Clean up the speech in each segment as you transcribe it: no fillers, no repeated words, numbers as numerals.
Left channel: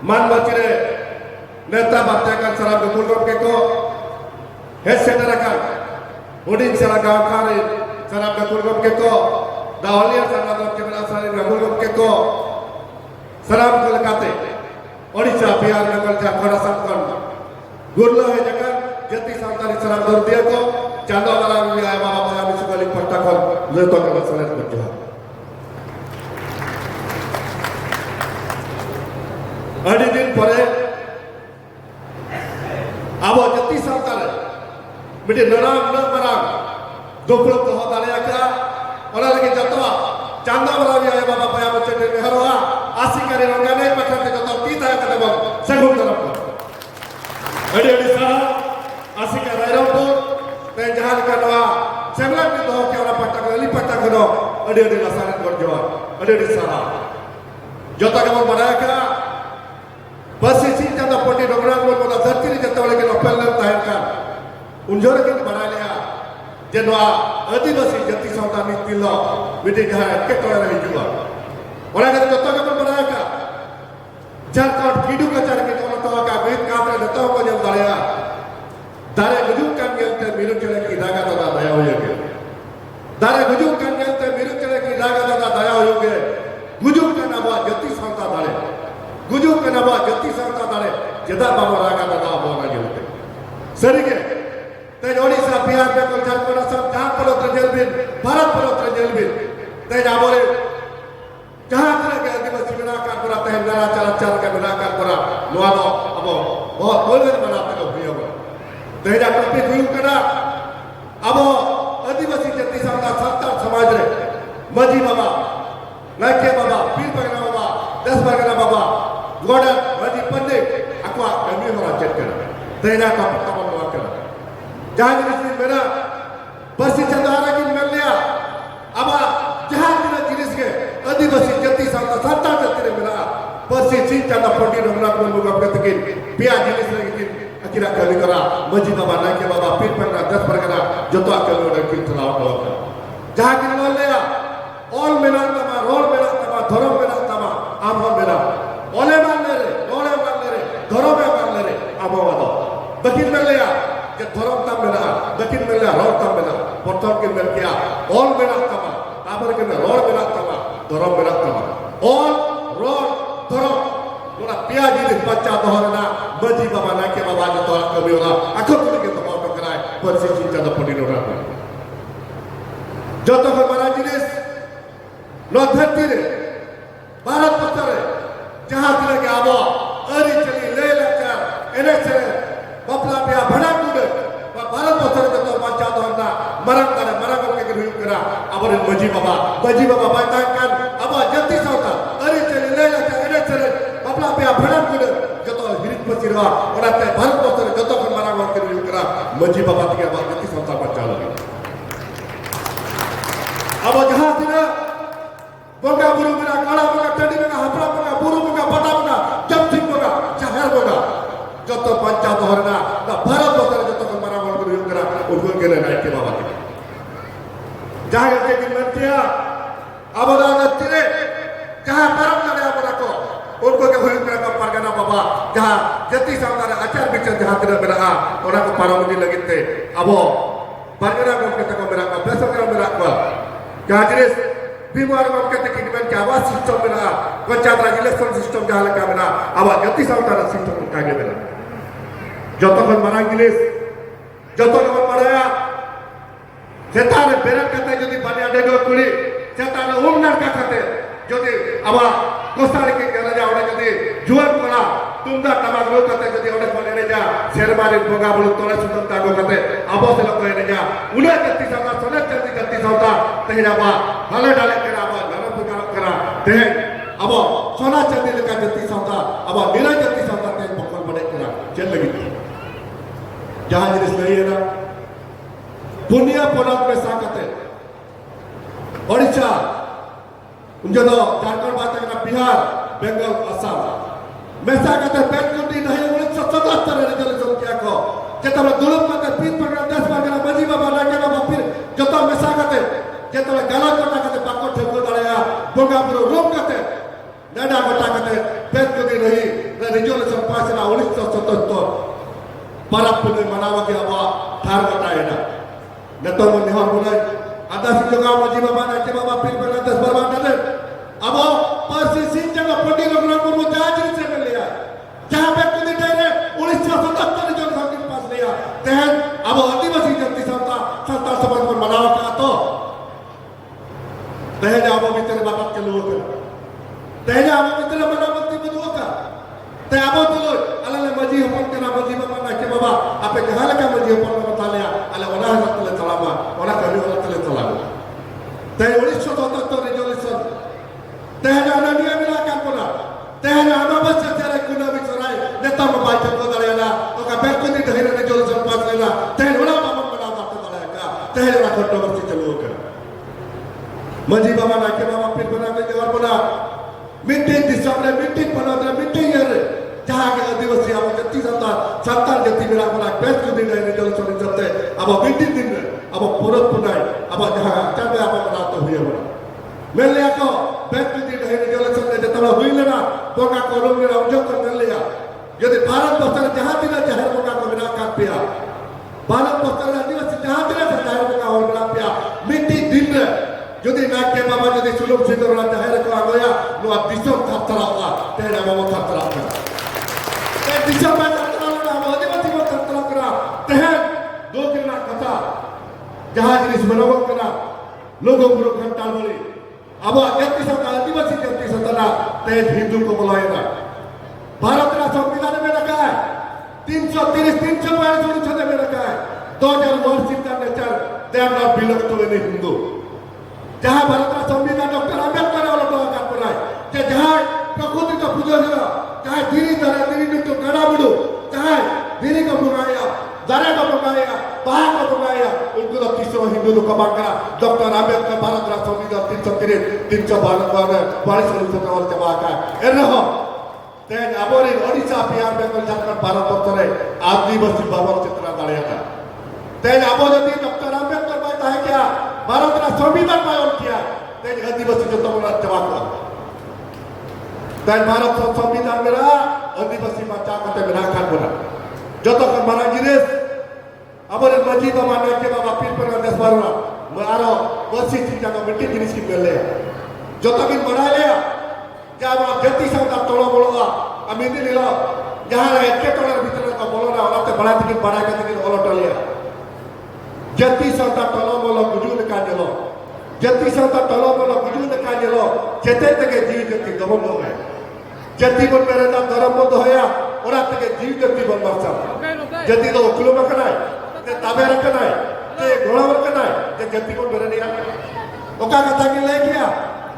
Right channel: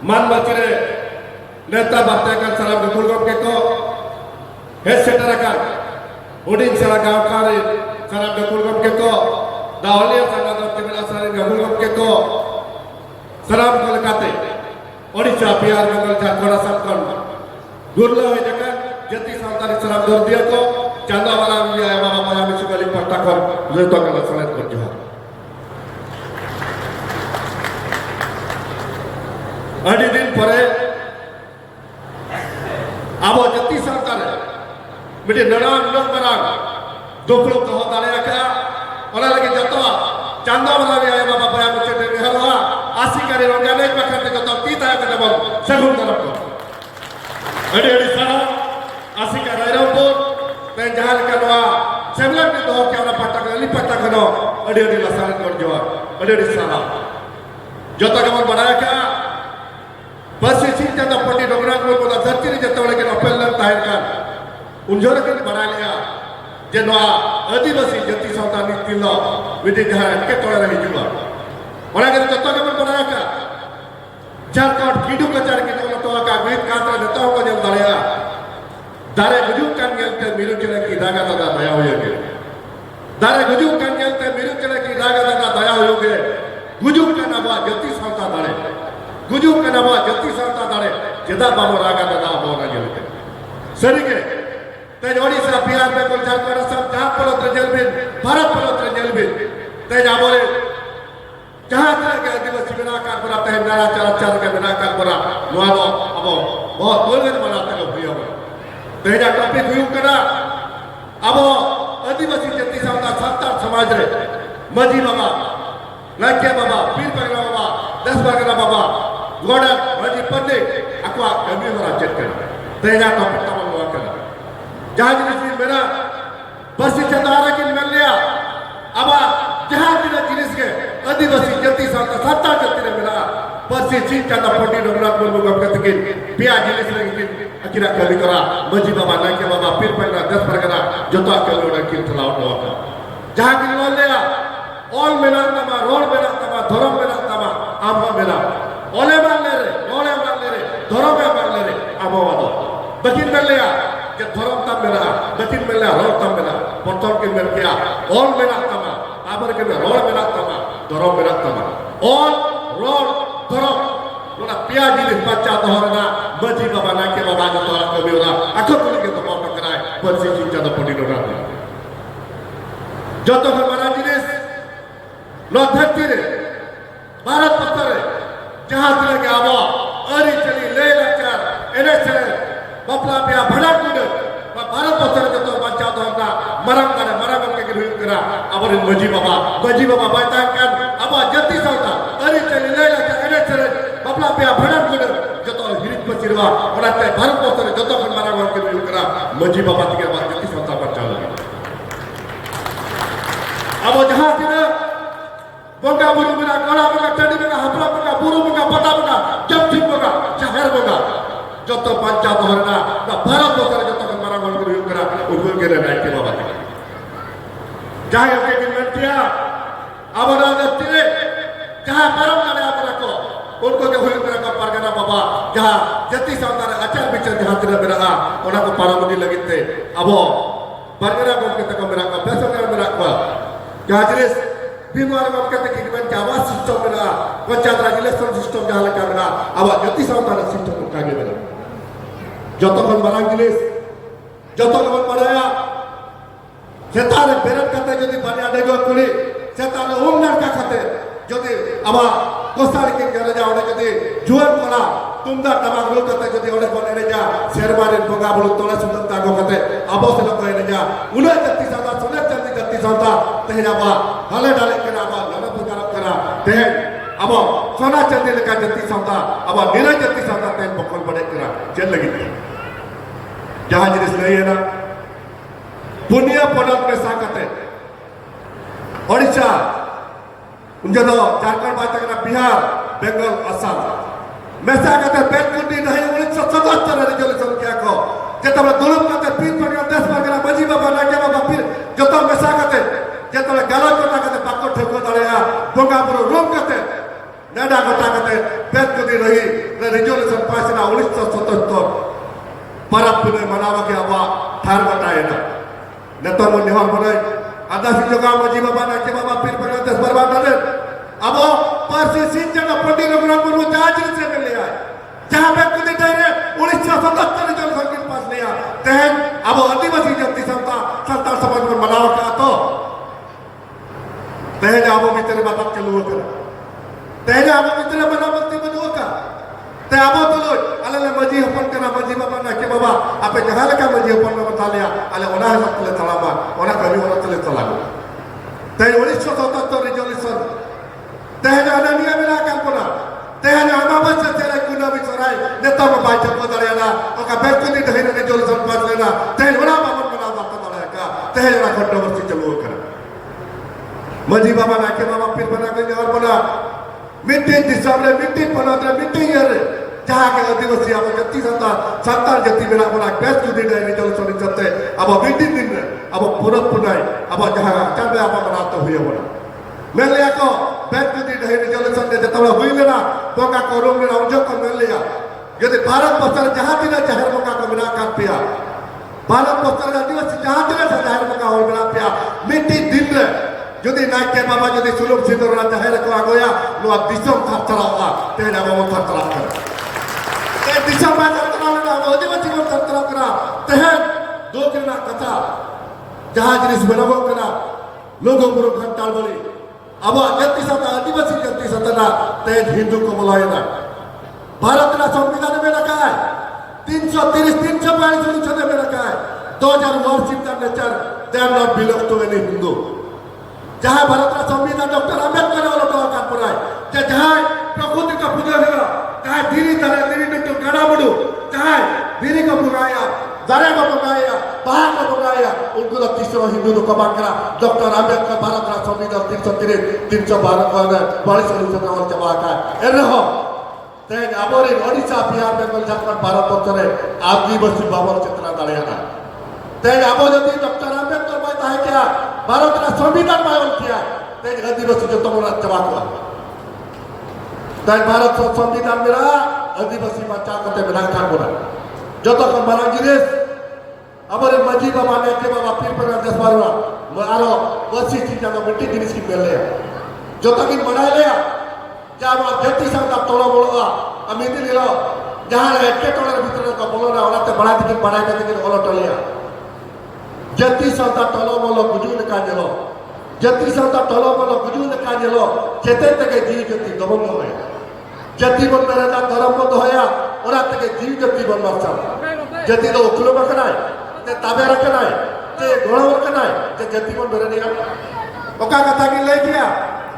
Manbachire Neta Batakan Salam Gulgam Keko Head Setarakan Udin Saragam Kari Salam Gulgam Keko Dahlia Salam Kemila Salam Gulgam Keko Salam Kalkate Odisha Biar Bengal Jakara Samkan Gurla Hedakan Jati Santari Salam Gordia Ko Chanda Walang Ya Mama Mama Sukali Patakon Leton Salam Berjuang Adi din pare abo jati sarkar midi naram barang doplo to dare akra ona lagi jatwa chanda barawi ay baba paya bacche de meharwa asikari rongane pathate ko tita ka bol sagun tarap adi sara asikari ropo te jahar karwa semla ke to kya patak li patak no adi lasar kor jawa adi sara jota ka banaya ka Pasti cinta dan pati dongrak lo pada zati ni jatuh lagi nopel dan tahirkan. Unjur itu bananya. Jenwa adivasi jati santan itu lo. Widi jahat ketora lagi juga. Orang yang jatuh kepada banyak. Jarkar hidup kejar kita orang tua kami kata jatuh kepada balaya. Dari wujudkan yang termiru kena kita kata daya hoyoge. Dari wujudkan yang termiru kena kita kata daya hoyoge. Wujudkan apa jati santan dare. Gujuk kenapa jati sarta dare jeda pamaraga dada bona gelte sarige te odisha bihar bengal jharkhand assam jahan polo trejelbin bharat polo trejelbin te jabore jahan ke adivasi benakar kora te nara cara ke benakar kora noa do abo bahut bolben banate ko priyo te ja topic huyu kana abo adivasi jati sarta santal samaj re maji baba lakya baba pir bagara baba 10 bagara baba Goda Raji Pandey aku kami merajakan tena kapal melakukan jangan jenis beda persisnya orang yang melihat apa jangan jenis ke adivasi jati santa jati beda persis cinta dan pandi nomor berbuka ketekin biar jenis lagi akhirnya kali kara masjid baba naik baba pir perkara 10 perkara jodoh kalau orang kita lawan jangan melihat all melang nama roll melang nama thoram melang nama amma melang Oleh manere, dorom manere, abawado. Bakin melya, ke dorom tambela, bakin melya, roh tambela, potong ke melya, all menak tama, abar ke roh menak tama, dorom menak tama. All roh dorom, mana pia jadi baca dohorna, baji baba nak ke baba jatuh orang kebiura, aku pun kita mau terkenai, bersih jatuh pendinoran. Jatuh kemana jenis, lo tertiri, barat petare. Jahat lagi apa? Ari celi lelakar, enakar, bapla pia bharat kuda, bharat pasar jatuh baca dohna, marang ke kedua kira, apa ini maji baba bacakan, apa jati sauta, ari celi lelakar, enakar, bapla pia bharat kuda, jatuh hidup bersirwa, orang teh bharat pasar jatuh marang ke kedua kira, maji baba tiga apa jati sauta baca lagi. Apa jahat tidak? Bongga buru bina, kala bina, tadi bina, hapra bina, buru bina, pata bina, jamtik bina, cahar bina. Joto panca dohorna, na bharat bosar joto kan marang marang buru bina, ukul kira naik ke bawah. Jahaya ke dimentia, abara ngatire, jahar barang kada abara ko, unko ke buru bina ka pargana baba, jahar jati sangkara acar bicara jahar tidak bina, orang ke paramudi lagi te, abo, pargana ko kita kamera ka, besok kamera ka, jahar बीमार मौके तक इनमें क्या आवाज system बना बच्चा का election system जहाँ लगा बना आवाज गति साउंड सिस्टम उठा के बना जतो मन बना इंग्लिश जतो मन पढ़ाया सेताने बेरत कहते यदि बनिया डेगो कुली सेताने उम्र का कहते यदि आवा कोस्टार के कहने जा उन्हें कहते जुआन बना तुमदा तमाम लोग कहते यदि उन्हें बोलने जा शेरमारे बोगा बोलो तोला सुतम ताको कहते आबो से लोग कहने जा उन्हें गति साउंड सुने चलती गति साउंड तेरा बा हाले डाले करा बा लाना पुकार करा ते अब सोना चंदी लेकर जति संता अब नीला जति संता ते पकड़ पड़े करा चल लगी जहां जिस नहीं है ना पुण्य पड़क में साकते ओडिशा उनके तो झारखंड बात करना बिहार बंगाल असम में साकते बैंकुटी नहीं 1977 रिजोल्यूशन क्या को जब दुलम करते फिर पकड़ा 10 पकड़ा मजी बाबा लगे बाबा फिर जब में साकते जब गाला को करते पकड़ ठेको दड़े बोगा पुरो रोक करते नडा गोटा करते पेट को दी रही resolution pass na 1977 para punai manawa ke awa thar bataena neto mon nehor bonai ada sijoga moji baba na ke baba pir banates barbadane abo parsi sinjana pandi raghunath murmu jahaj se mil liya जहाँ पे कभी तेरे 1977 जनसंख्या पास लिया तहन अब आदिवासी जनती संतान समाज में मनाव का तो तहन अब मित्र बाबा के लोग तहन अब मित्र मनावती बनो का ते अब तो लोग अलग मजी अपन करना मजी बाबा ना के बाबा आपे जहाँ लगा मजी अपन ना बता लिया अलग ओना तले तलामा ओना कभी ओना तले तलामा तहन 1977 रेजोल्यूशन तहन अनामिया मिला का कोना तहन अनावश्य तेरा कुना बिचराय नेता में बात को दरेला ओका बेकुनी दहेन ने जोल संपाद लेना तहन ओना बाबा बना जाता दरेला का तहन ओना कंट्रोवर्सी चलो कर मजी बाबा ना के बाबा फिर बना के और बना मीटिंग दिसाले मीटिंग बनाते मीटिंग यार जहां के आदिवासी अब जति संतान जति मेरा बना बेस्ट दिन ने जोल सोनी चलते अब मीटिंग दिन अब पूरा पुनाई अब जहां चल अब बनाते हुए बना मैं लिया को बेस्ट दिन है जोल सोनी जतवा हुई लेना तो का कोरोम ने हमजो को मिल लिया यदि भारत बस्तर जहां दिन जहर को का बिना कर पिया भारत बस्तर आदिवासी जहां दिन जहर को का और बिना पिया मीटिंग दिन रे यदि ना के बाबा यदि सुलभ सिंदूर ना जहर को आगोया लो दिशम खतरा तेरा बाबा खतरा कर ए दिशम में खतरा ना आदिवासी को खतरा करा तहन दो किना कथा जहां जिस बनवो करा लोगों को घंटा बोली अब जति सता आदिवासी जति सता तेज हिंदू को बुलाएगा भारत का संविधान में रखा है 330 342 में रखा है 2000 वर्षिप का nature they are not belong to any Hindu जहां भारत का संविधान डॉक्टर अंबेडकर वाला तो का पूरा है जहां प्रकृति का पूजन है जहां धीरे धीरे मिट्टू गड़ा बुडू जहां धीरे को बुगाया दारे को बुगाया बाहर को बुगाया उनको तो तीसरा हिंदू लोग कमा करा डॉक्टर अंबेडकर भारत का संविधान 312 42 और जमा का एरहो तेज आबोरे ओडिशा बिहार बेंगल झारखंड भारत वर्षरे आदिवासी बाबर चित्रा दाड़ेगा तेज आबो जति डॉक्टर अंबेडकर कहता है क्या भारत का संविधान पालन किया तेज आदिवासी जो तमरा जमा हुआ तेज भारत संविधान मेरा आदिवासी बच्चा कते मेरा का बोला जो तो मारा गिरेश आबोरे मजी बाबा ने के बाबा पीर पर देश बारवा मारो बसी चीज का मिट्टी जिनिस की कर लिया जो तक इन बढ़ा लिया क्या वो जति संता तोलो बोलगा अमीदी लिलो जहां एक के तोड़े भीतर तो बोलो ना औरत बड़ा दिन बढ़ा के दिन ओलो टलिया जति संता तोलो बोलो गुजू ने का जलो जति संता तोलो बोलो गुजू ने का जलो चेते तक जीव जति दबंग होया जति बन मेरा ना धर्म बंद होया औरत तक जीव जति बन मरचा जति तो उखलो बकनाय ते ताबे रखनाय ते घोड़ा रखनाय ते जति बन मेरा नहीं ओका कथा की ले गया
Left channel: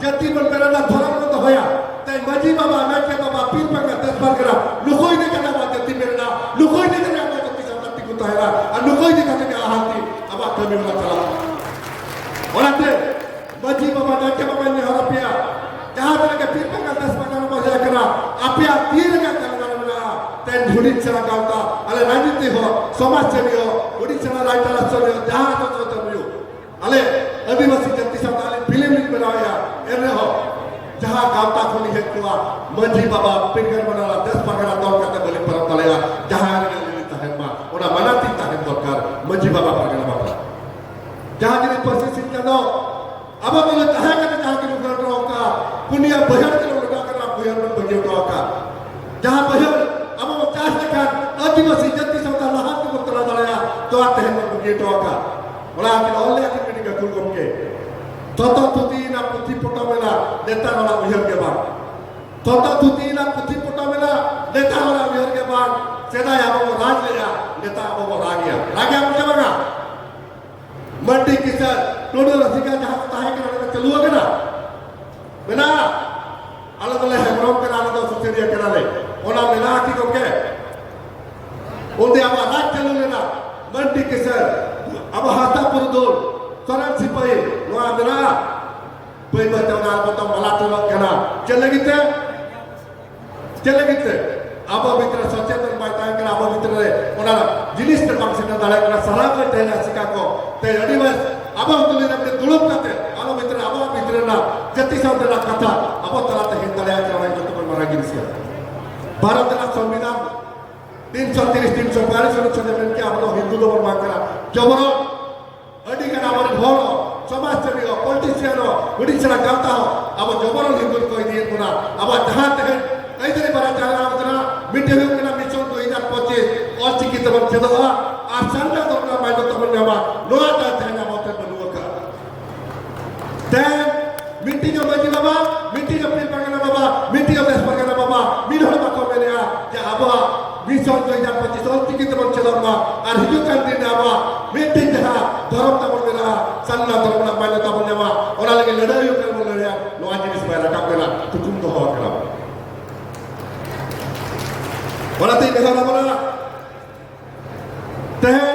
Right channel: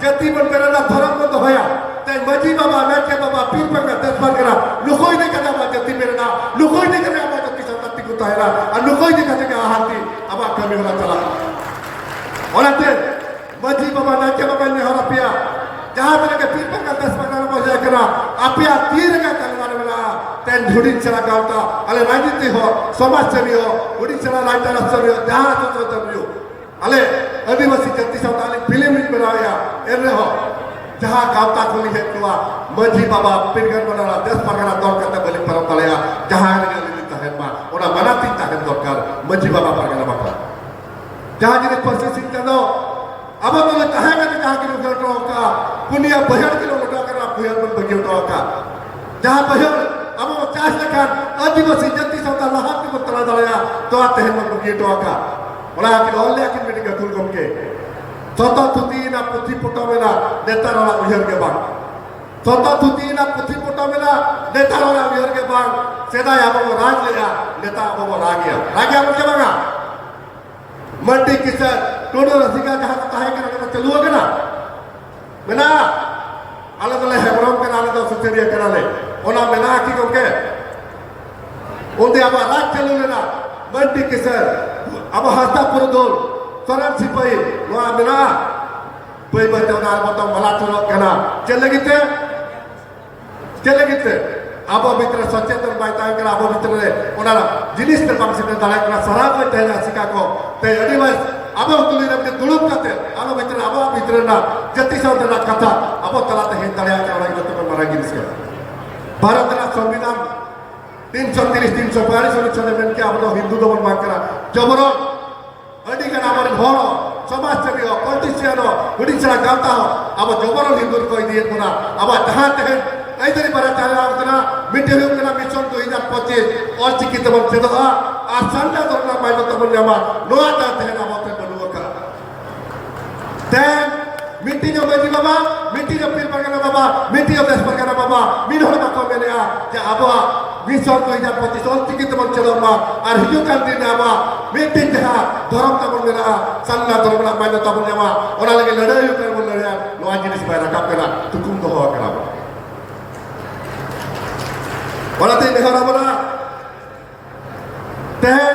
जति बन मेरा ना धर्म बंद होया ते मजी बाबा मेके बाबा पीर पर का देश पर करा लुकोई ने कथा बात जति मेरा ना लुकोई ने कथा बात जति संतति को तायरा और लुकोई ने कथा का हाथी अब कमी होला चला औरते मजी बाबा मेके बाबा ने हरा पिया जहां तक के पीर पर का देश पर का मजा करा आपिया तीर का तलवार मिला तेन झुड़ी चला गावता अले राजनीति हो समाज सेवी हो उड़ीसा राज्य राष्ट्र हो जहां तो हो अले आदिवासी जति संतान फिल्म बनाया एने हो जहां गावता खोली है कुआ मजी बाबा पिंगर बनाना 10 परगना दौर करते बोले परम तलया जहां लिखता है मां ओना मनाती है दरकार मजी बाबा परगना बाबा जहां जिन परिस्थिति दो अब बोले कहां में जहां के लोग का पुनिया बहर के लोग का पुनिया में बगियो का जहां बहर अब वो 4 लखा आदिवासी जति संतान हाथ को तला दलया तो आते हैं बगियो का बोला आप ओले के मीटिंग का तुम के Toto tutina putih putamela netar orang biar ke bang. Toto tutina putih putamela netar orang biar ke bang. Seda ya bawa raj liya, netar bawa ragia. Ragia macam mana? Mandi kisah, tuduh rasika jahat tahe kerana celu agak Mena, ala tu leh Hebron ke ala tu Suteria kerana. Ona mena aki kau ke? Undi apa raj celu lena? Mandi kisah, apa harta purdul. Soran sipai, lo amila, pai baca orang baca malah tolak kena. Jalan kita, apa mitra sosial baik tayang kena, apa mitra le, orang jenis terbang sini dalam kena salah kau tanya sikako, tanya di mas, apa untuk lihat dia dulu kata, apa mitra na, jati saudara kata, apa telah terhindar yang orang itu pun marah gini sekali. Barat संविधान 330 342 अनुच्छेद में के अब हिंदू दो बन करा जबरो अड़ी का नाम घर समाज सेवी हो पॉलिटिशियन हो उड़ीसा गाता हो अब जबरो हिंदू को दिए पुना अब जहां तक ऐसे बड़ा चाला करना मिटेल करना मिशन 2025 और चिकित बन से तो आ संता तो ना माइंड तो बन जावा लोआ चाहते हैं ना मत बनुआ का देन मिट्टी जो बजी बाबा मिट्टी जो पीर पकड़ना बाबा मिट्टी जो देश पकड़ना बाबा मिन हो बाको मेले आ जे अब मिशन 2025 और चिकित बन से दमा और हिजु कर दिन आवा मिट्टी जहां धर्म का बन मेला संता धर्म ना माइंड तो बन जावा और लगे लड़ाई कर बन लड़ाई लोआ जिनिस बाहर काम करना तुकुम तो हो करा Walati negara mana? Teh,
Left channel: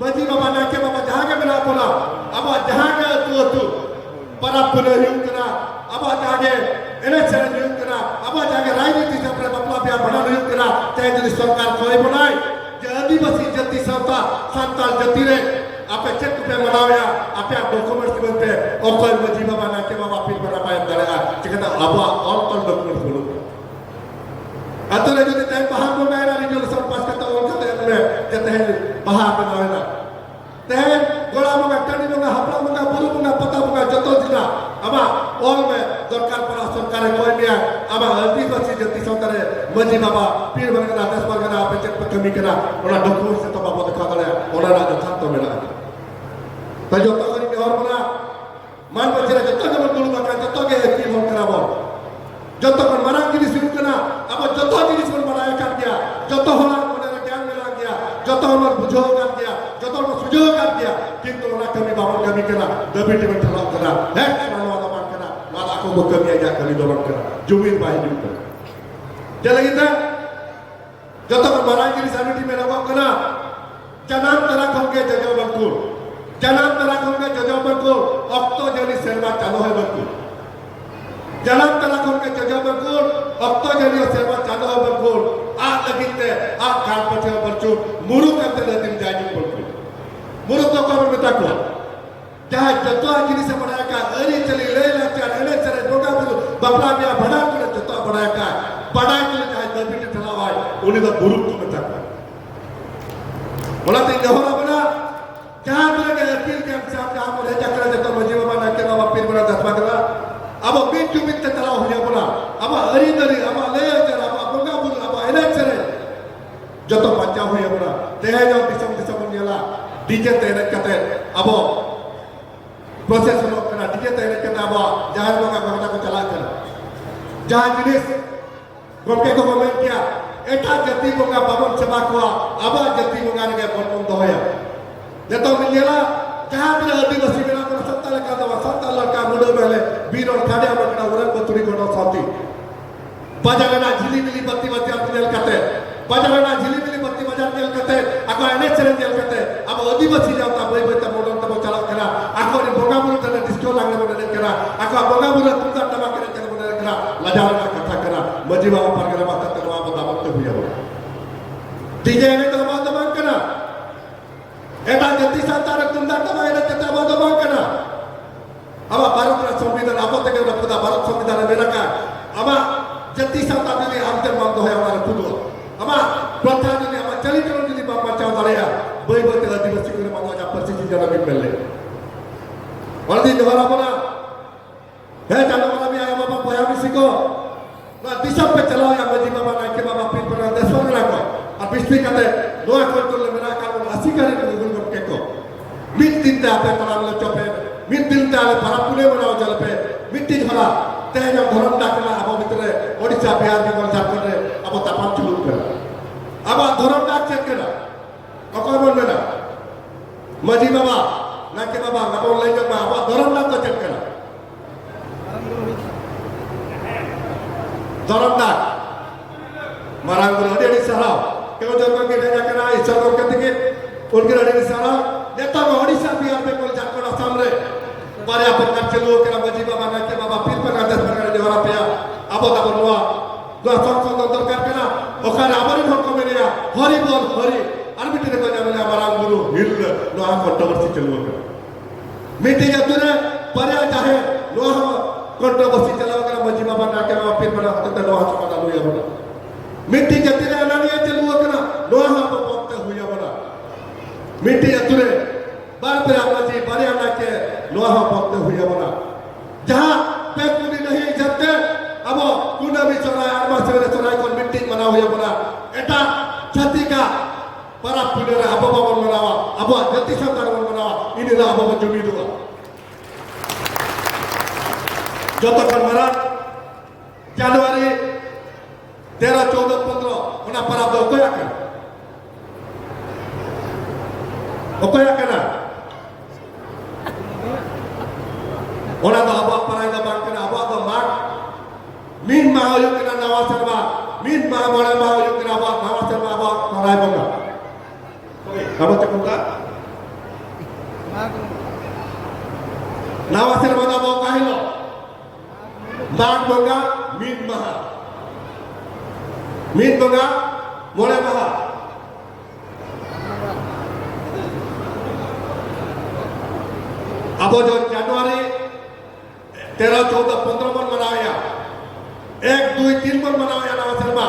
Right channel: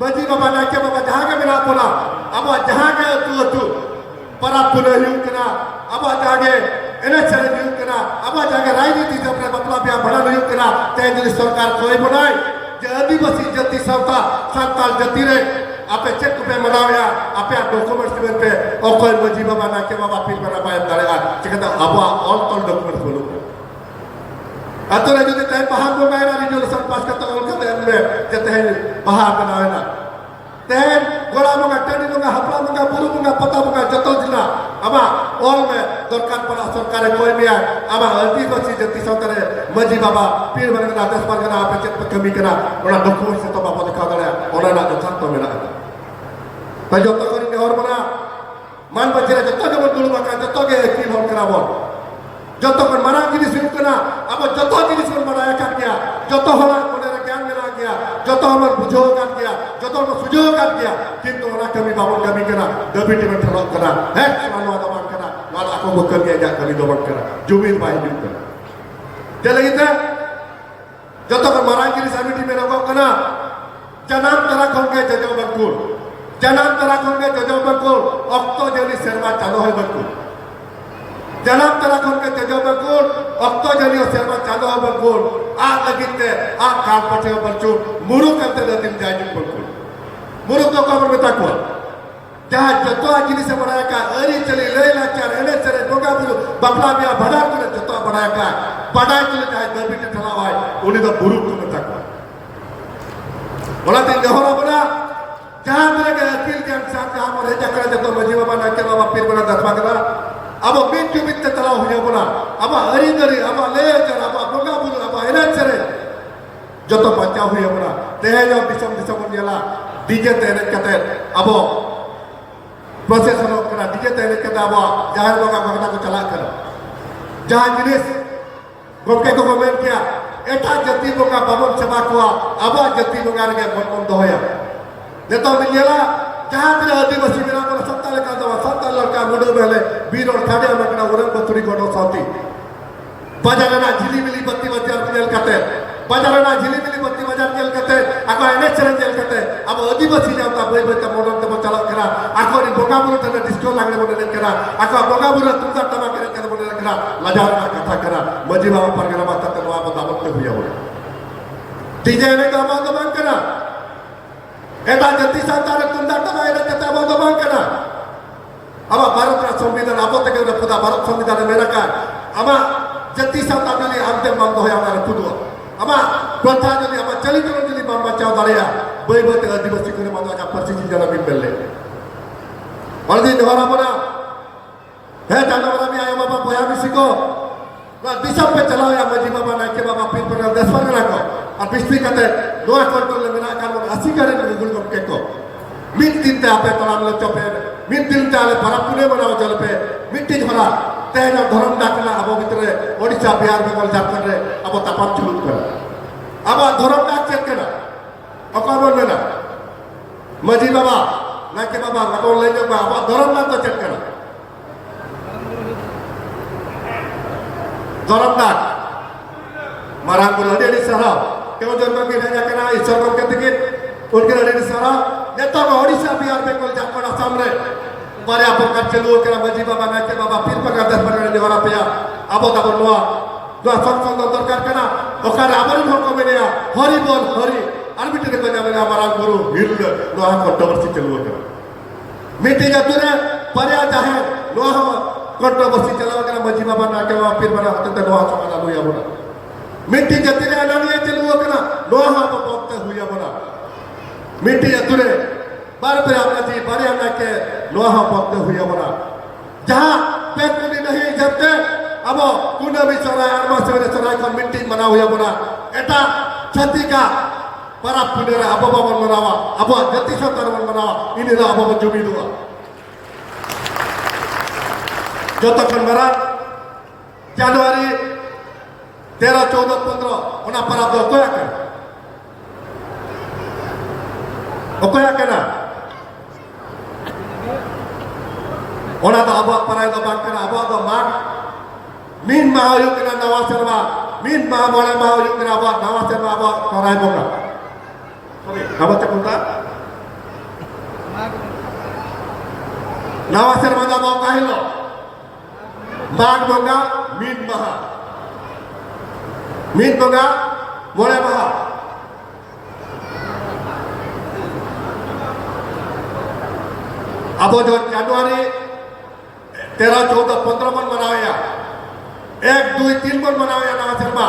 maji bapa nak ke bapa jahat ke bila pola, aba jahat ke tu para punah hiu kena, aba jahat enak cara hiu kena, aba jahat rakyat kita pada bapa biar bana hiu kena, teh jadi सरकार कोई बनाए, jadi basi jati sauta, santal jati re, apa cek tu pe manawa, apa dokumen semen pe, okoi maji bapa nak ke bapa pil bana bayar dalam, cakap aba all dokumen dulu. Atau lagi kita yang paham bermain hari ini lepas kata orang kata yang boleh kita yang paham kenal. Then gola munga tadi munga hapla munga buru munga pata munga jatuh jina. Ama orang me dorkan pada सरकार कोई भी है. ama alti basi jati sautare maji baba pir bana kena atas par kena apa cek kami kena orang dokumen satu bapa dekha dale orang nak jatuh tu mera. Tajo tak kini orang mana man bajira jatuh ke dulu maka jatuh ke ekil orang kena bol. जतो पर मरा की शुरू करना अब जतो की शुरू बनाया कर दिया जतो हमारा कोने ज्ञान मिला गया जतो हमारा बुझो कर दिया जतो हमारा सुझो कर दिया किंतु orang kami bangun kami kena demi demi terlalu kena kalau ada orang kena malah aku bukan dia kami doang kena jubil baik juga jadi kita जतो पर मरा की समिति में लोगों कना जनाब तरह खोल के जजो बंकुर जनाब तरह खोल के जजो बंकुर अक्तो जली शर्मा चालो है बंकुर Jalan telah kau ke jauh berkur, waktu jadi siapa candor berkur, lagi te, kau pasti berkur, muruk kan terdatim jadi berkur, muruk tu kau berminta kau, jangan jatuh jenis mereka, hari ceri lelah car, ini ceri doga bulu, bapa dia badai tu jatuh mereka, badai tu jangan berbeda terawai, unih tu buruk tu minta kau, malah tinggal orang mana, jangan mereka akil kan siapa yang mereka kerja jatuh menjiwa mana kita wapir mana dasar kita. Aba pintu pintu terlalu hanya bola. Aba hari dari, aba leher, aba bunga bunga, aba enak cere. Jatuh baca hanya bola. Teh yang bisa menjala. DJ teh kata, aba proses kalau kena DJ teh kata aba jangan bunga bunga aku calakan. Jangan jenis. Gomke ko komen kia. Eta jati bunga babon sebakwa. Aba jati bunga dengan gomong doya. Jatuh menjala. Jangan bila आदिवासी जना को सत्ता लगा दवा सत्ता लगा मुडो पहले बीर और थाने में कना उरन बतुरी को साथी बाजारना झिली मिली बत्ती बाजार तेल कते बाजारना झिली मिली बत्ती बाजार तेल कते ako एने चरण तेल कते अब आदिवासी जाता बई बई त मोडन त चला करा ako नि बोगा बुरु तना डिस्को लागले मोडन करा ako बोगा बुरु तुमसा तमा करे कते मोडन करा लजारना कथा करा मजी बाबा पर करा बात त वा बता मत हुया बोला डीजे ने का बात बंद करा Eta jati santara tunda tama era kata bawa bang kena. Aba Bharat संविधान apa तक उन्हें पता Bharat संविधान मेरा का. Aba jati santara ni Amte मांग दो है हमारे पुदुआ. Aba प्रधान ni aba चली करो ni मांग बचाओ दारिया. बई बई तेरा आदिवासी को मांगा जा परसिटी जला भी पहले. और दी दोहरा बना. है जाना बना भी आया बाबा पया किसी को. ना दिशा पे चला या मजी बाबा ना के बाबा फिर पर दस बार रखो. अब पिछली कहते लोहा कंट्रोल मेरा काम asik kali ni gol keko min tinta apa tanam lo chope min tinta ale para pune banao jalpe mitti dhara tena dharam dakla abo bitre odisha bihar bengal jharkhand re abo tapam chuluk kara aba dharam dak check kara akamon mena maji baba nake baba abo lai baba abo dharam dak check kara dharam dak marang gol ade sahab kau jangan kita kena isar kau ketikit उनके लड़े सारा नेता में ओडिशा बिहार बंगाल झारखंड असम रे मारे आप कच्चे लोग के मजी बाबा ना के बाबा पीर पर दस पर देवरा पे अब तक नुआ दो संसद दरकार करना ओखारे आबारी भर को मेने हरि बोल हरि आर्बिट्रेट को जावे हमारा गुरु हिल नुआ कंट्रोवर्सी चलुआ के मीटिंग अतुरे पर्या चाहे नुआ कंट्रोवर्सी चलावा के मजी बाबा ना के बाबा पीर पर हते नुआ समाधान हुआ बोला मिट्टी जाति रे अनानिया चलू कना नोहा हाँ बकते हुई बना मिट्टी अतुरे बार पे आना जी बारे आना के नोहा बकते हुई बना जहाँ पेकुनी नहीं जबते अब कुना भी चराय आरमा से मेरे चराय को मिट्टी बना हुई बना एटा छती का para pudera apa bawa merawa apa jati santar merawa inilah apa jumi dua jatuh kemeran Januari 13, 14, 15 una para do okoya kana ona da aba para da bakana aba da mak min mahayuk kana nawa serba min ma boleh mahayuk kana aba nawa serba aba karai bonga apa cakunda nawa serba aba kahilo mak bonga min maha min bonga boleh maha अब जो जनवरी 13, 14, 15 मन मनाया 1, 2, 3 मन मनाया ना शर्मा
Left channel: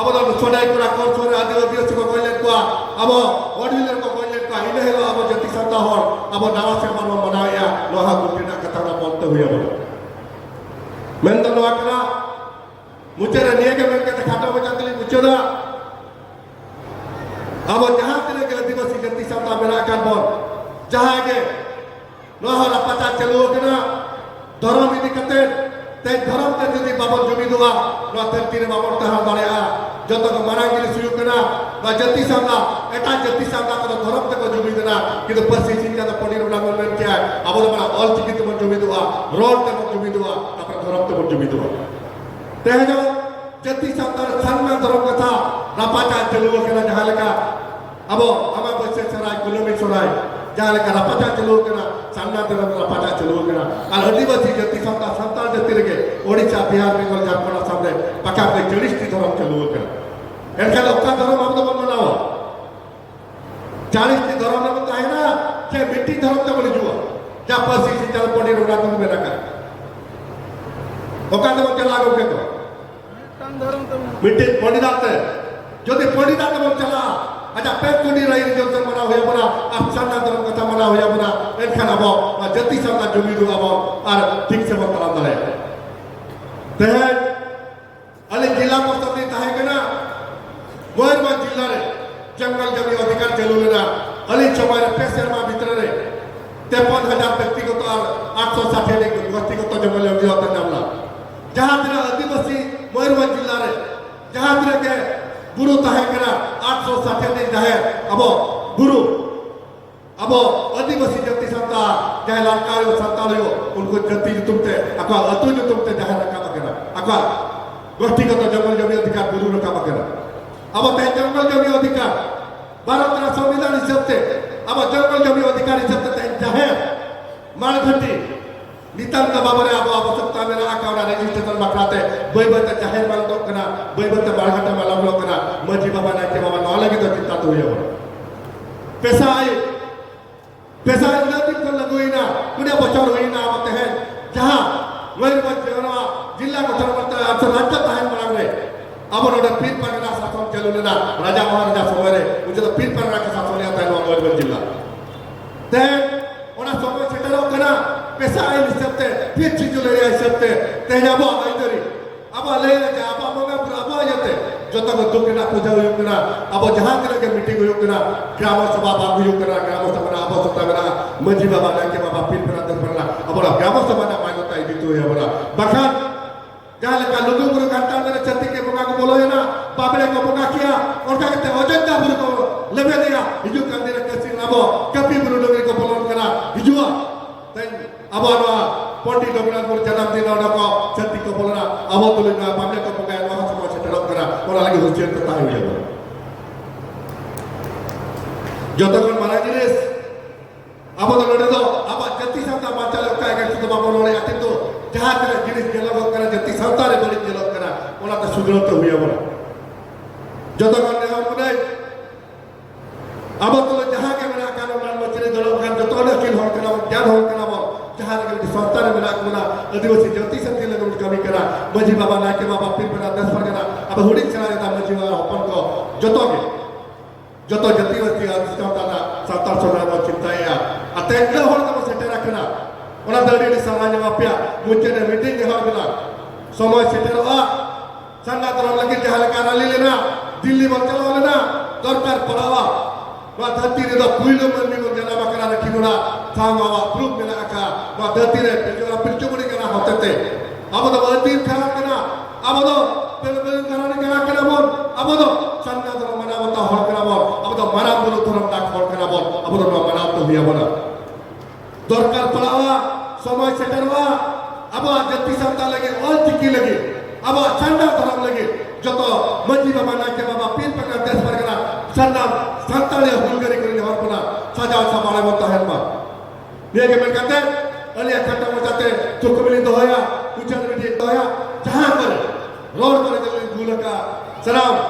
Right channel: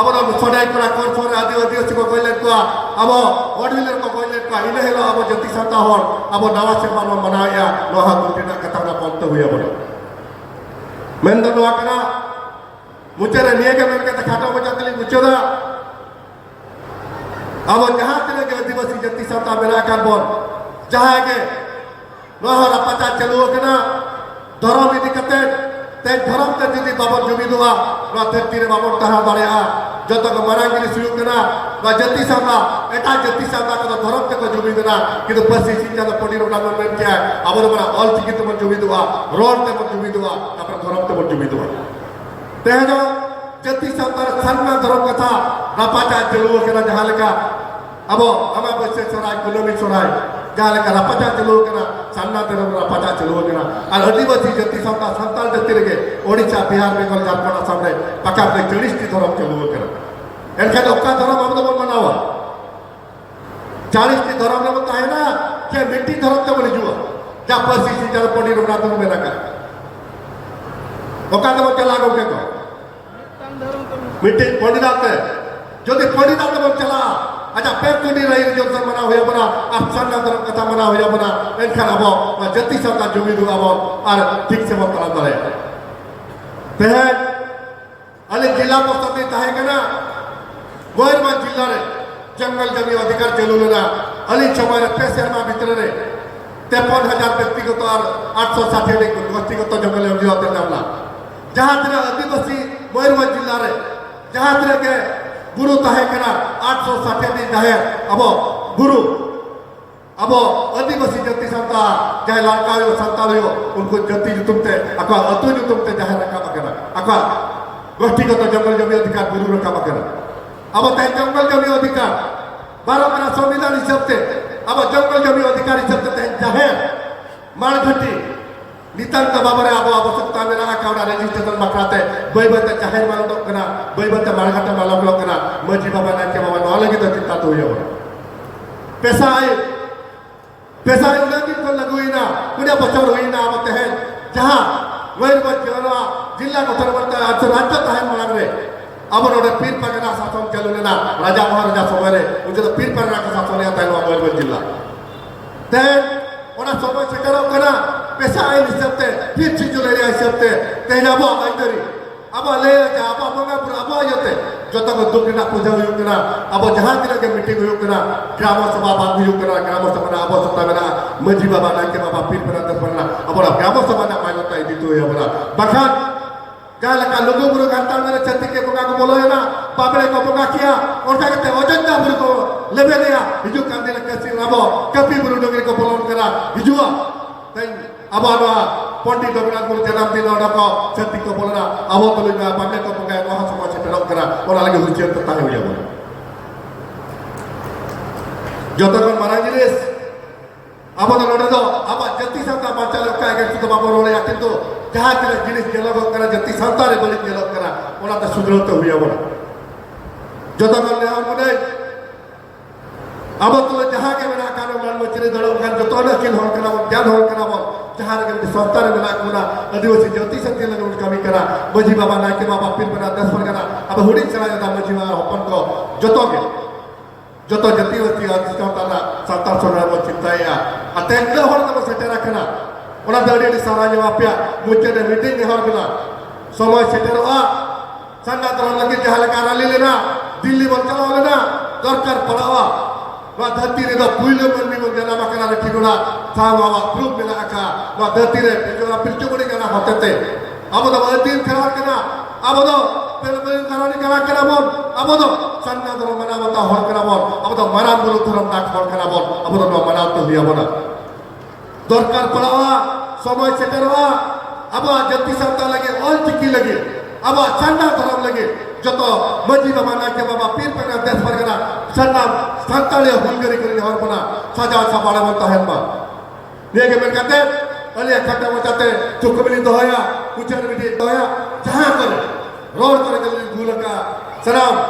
अब तो Sonai Cola core सोरे आदिवासी को कोई लेत को अब ऑर्डिनल को कोई लेत को इने हेलो अब जति संता हर अब नवा शर्मा मन मनाया लोहा गुटिना कथा ना बोलते हुए अब मेंदन वाकना मुझे निये के मेरे के खाता बचातली मुझे दा अब जहां तेरे के आदिवासी जति संता मेरा कान बोल जहां के लोहा पता चलो कना धर्म इदी कते ते धर्म ते जिदी बाबन जुमी दुआ नो धरती रे बाबन तहा दाड़ेया जत को मरांगिरी सुयु कना बा जति सादा एटा जति सादा को धर्म ते को जुमी देना किंतु पसी सिंजा द पडी रोला मन क्या अब बड़ा ऑल चिकित मन जुमी दुआ रोड ते मन जुमी दुआ तापर धर्म ते मन जुमी दुआ ते जो जति सादा सन्ना धर्म कथा रापाचा चलो कना जहां लगा अब हमा बच्चे सराय गुलामी सराय जहाँ लेकर रापचा चलो कना सान्ना तेरे रापचा चलो कना और आदिवासी जति संता संताल जति लगे ओडिशा बिहार बेंगल झारखंड सामने पका पे 40 टी धर्म चलो कना एनका ओका धर्म हम तो मनावा 40 टी धर्म में बताए ना कि मिट्टी धर्म तो बनी जुआ जा पसी सी जल पड़ी रोना तो मेरा का ओका धर्म चला गो के को मिट्टी पड़ी जाते जो दे पड़ी जाते बोल चला अच्छा पेकुनी रही जो सब मना हुआ बना अफसाना धर्म कथा मना हुआ बना इनका नबो जति सबका जुमी दुआ बो और ठीक से बता दले ते अले जिला मुस्तफी ताहे कना मयूरभंज जिला रे जंगल जमी अधिकार चलो लेना अली चमारे पेशरमा भीतर रे 53,000 व्यक्तिगत और 860 व्यक्तिगत जंगल जमी होते नामला जहां तेरा आदिवासी मयूरभंज जिला रे जहां तेरे के गुरु ताहे कना 860 दिन ताहे अब गुरु अब आदिवासी जति संता चाहे लड़कारियों संतालियों उनको जति जो तुमते अका अतु जो तुमते चाहे रखा बकरा अका व्यक्तिगत जंगल जमी अधिकार गुरु रखा बकरा अब ते जंगल जमी अधिकार भारत का संविधान हिसाब से अब जंगल जमी अधिकार हिसाब से चाहे मानघटी नितांत बाबरे अब आवश्यकता मेरा आकाड़ा रजिस्ट्रेशन मकाते बैबते जाहिर मान तो कना बैबते मारघाटा मालम लो कना मजी बाबा ना के बाबा न लगी तो चिंता तो हुई हो पैसा आई उन्नति को लगुइना कुने बचाव होइना आवते हैं जहां मयूरभंज जिला गठन करता है अब राज्य ताहे मांग रे अब नोडे पीर पगना शासन चलो लेना राजा महाराजा समय रे उनके तो पीर पगना का शासन आता है मयूरभंज जिला ते ओना समय सेटरो कना पैसा आई निसबते फिर चीज ले आई सबते तेना बो आइदरी अब ले जा अब मंगा पूरा अब आयते जत को दुकना पूजा हुई कना अब जहां दिले के मीटिंग हुई कना ग्राम सभा बात हुई कना ग्राम सभा ना आवश्यकता मेरा मजी बाबा ना के बाबा पीर पना दस बना अब ग्राम सभा ना मांगता है दितो है बड़ा बखान जहां लगा लोगों को घंटा मेरे छत्ती के बगा को बोलो है ना बाबरे को बगा किया और क्या कहते अजंता बुर को लेबे दिया हिजु कांदे कैसे रबो कपी बुरु डोगरी को बोलन करा हिजुआ अब पंडित रघुनाथ मुर्मू जन्मदिन को छत्ती को बोलना अब तो लेना बाबे को बगा वहां समाज से तरफ करा और लगे हुजियत तो ताहे हुई बोल जतन मरांगिरिस अब तो लोडे दो अब जति संता माचा लगता है कि तो बाबा रोले आते तो जहां तेरे जिनिस जेलो करा जति संता रे बलि जेलो करा ओला तो सुधरत हुई बोल जतन ने हमने अब तो जहां के मेरा कानो मान मचरे दड़ो खान जतो न किल हो करा ज्ञान हो करा जहाँ लगे संस्था रे मेना मुना आदिवासी जाति संति लगे कमी करा मजी बाबा नायके बाबा पीर पना 10 परगना अब हुडी चला जाता मजी बाबा हपन को जतो के जतो जातिवासी अधिष्ठान ताना सातार सोना मो चिंताया अतेंगल हर को सेटेरा कना ओना दड़ी सारा जवाबया मुचे दे मीटिंग हर बिना समय सेटेरवा संगा तो लगे जहाँ लगा रैली लेना दिल्ली बन चला लेना दरकार पड़ावा वा धरती रे द पुइलो मनमी मन जना बकरा रखिनुना थावा प्रूफ मेना का वा धरती रे जो पिलचुबड़ी कना होतेते अब तो वतीन खरा कना अब तो पेलबेल कराने कना कना बम अब तो संगा तो मना बता हल कना बम अब तो मना गुरु धर्म ता हल कना बम अब तो मना तो हुआ बना दरकार पड़ावा समय सेटेरवा अब जति संता लगे और चिकी लगे अब चंदा धर्म लगे जो तो मस्जिद माना के बाबा पीर पना 10 परगना सन्नाम संताले हुलगरी करी हर बना सजा सबाड़ा बनता है मा ये के मन कहते अले खत्म हो जाते चुकबली दोया उचर बिटी दोया जहां पर रोड पर जल्दी भूल का सलाम